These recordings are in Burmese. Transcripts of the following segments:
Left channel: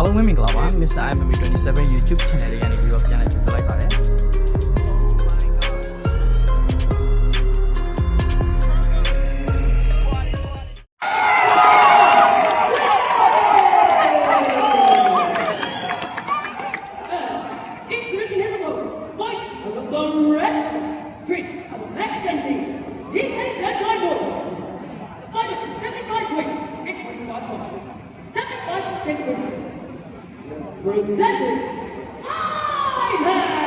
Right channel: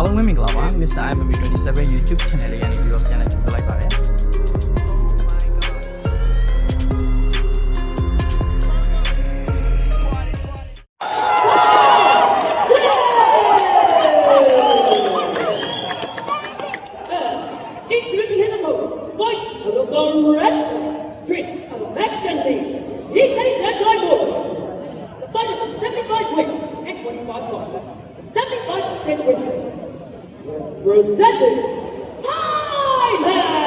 အားလုံးပဲမင်္ဂလာပါ Mr. IMMB27 YouTube channel လေးကနေပြီးတော့ပြန်လည်ကြိုဆိုလိုက်ပါတယ်Presenting Thailand!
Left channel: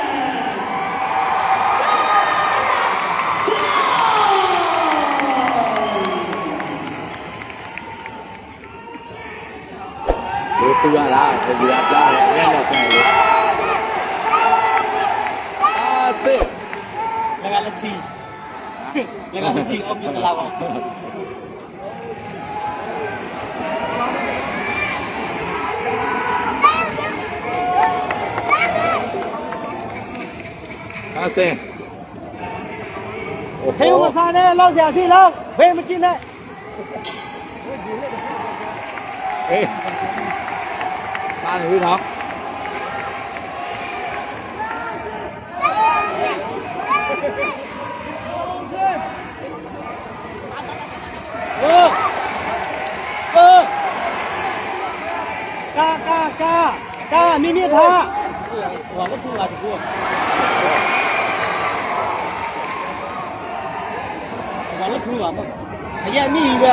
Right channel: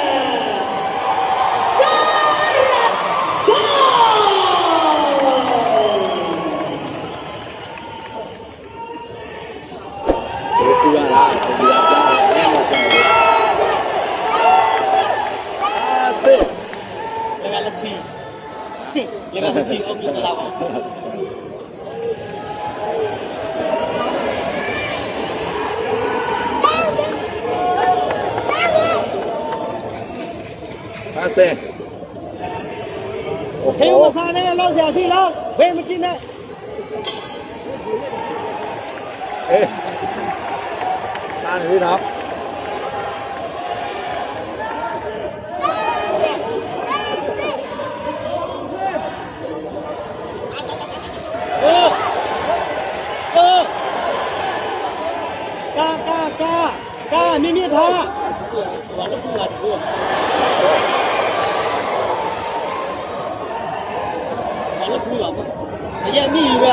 谁我三呢？老乡谁老？为么进来？哎，下鱼头。嘎，咪咪他，我都不我。哎呀，你一个！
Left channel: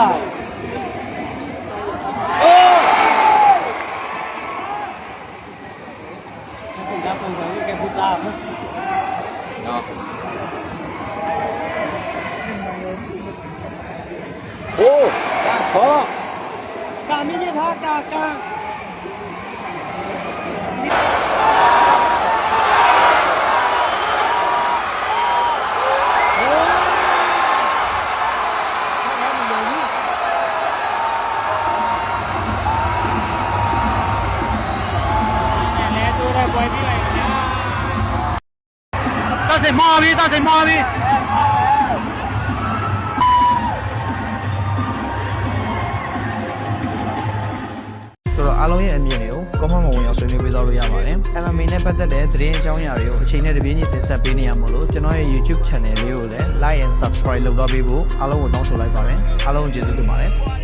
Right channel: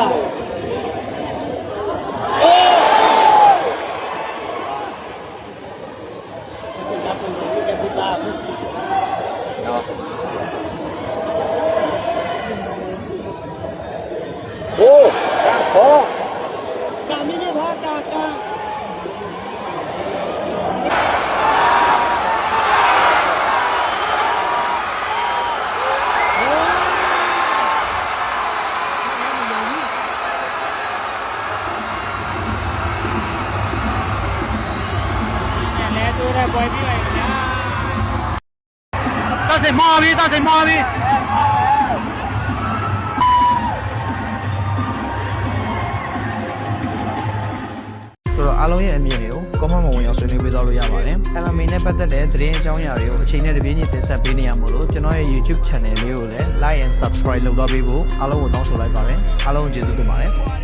哦，好，干咪咪他，干。造成毛病，造成毛病。ဆိုတော့အားလုံးရဲ့အမြင်တွေကို comment မှာဝင်ရောက်ဆွေးနွေးပေးသွားလို့ရပါတယ်။ LMA နဲ့ပတ်သက်တဲ့သတင်းအကြောင်းအရာတွေကိုအချိန်နဲ့တပြေးညီတင်ဆက်ပေးနေရမို့လို့ကျွန်တော်ရဲ့ YouTube channel လေးကိုလည်း like and subscribe လုပ်တော့ပေးဖို့အားလုံးကိုတောင်းဆိုလိုက်ပါတယ်။အားလုံးကိုကျေးဇူးတင်ပါတယ်။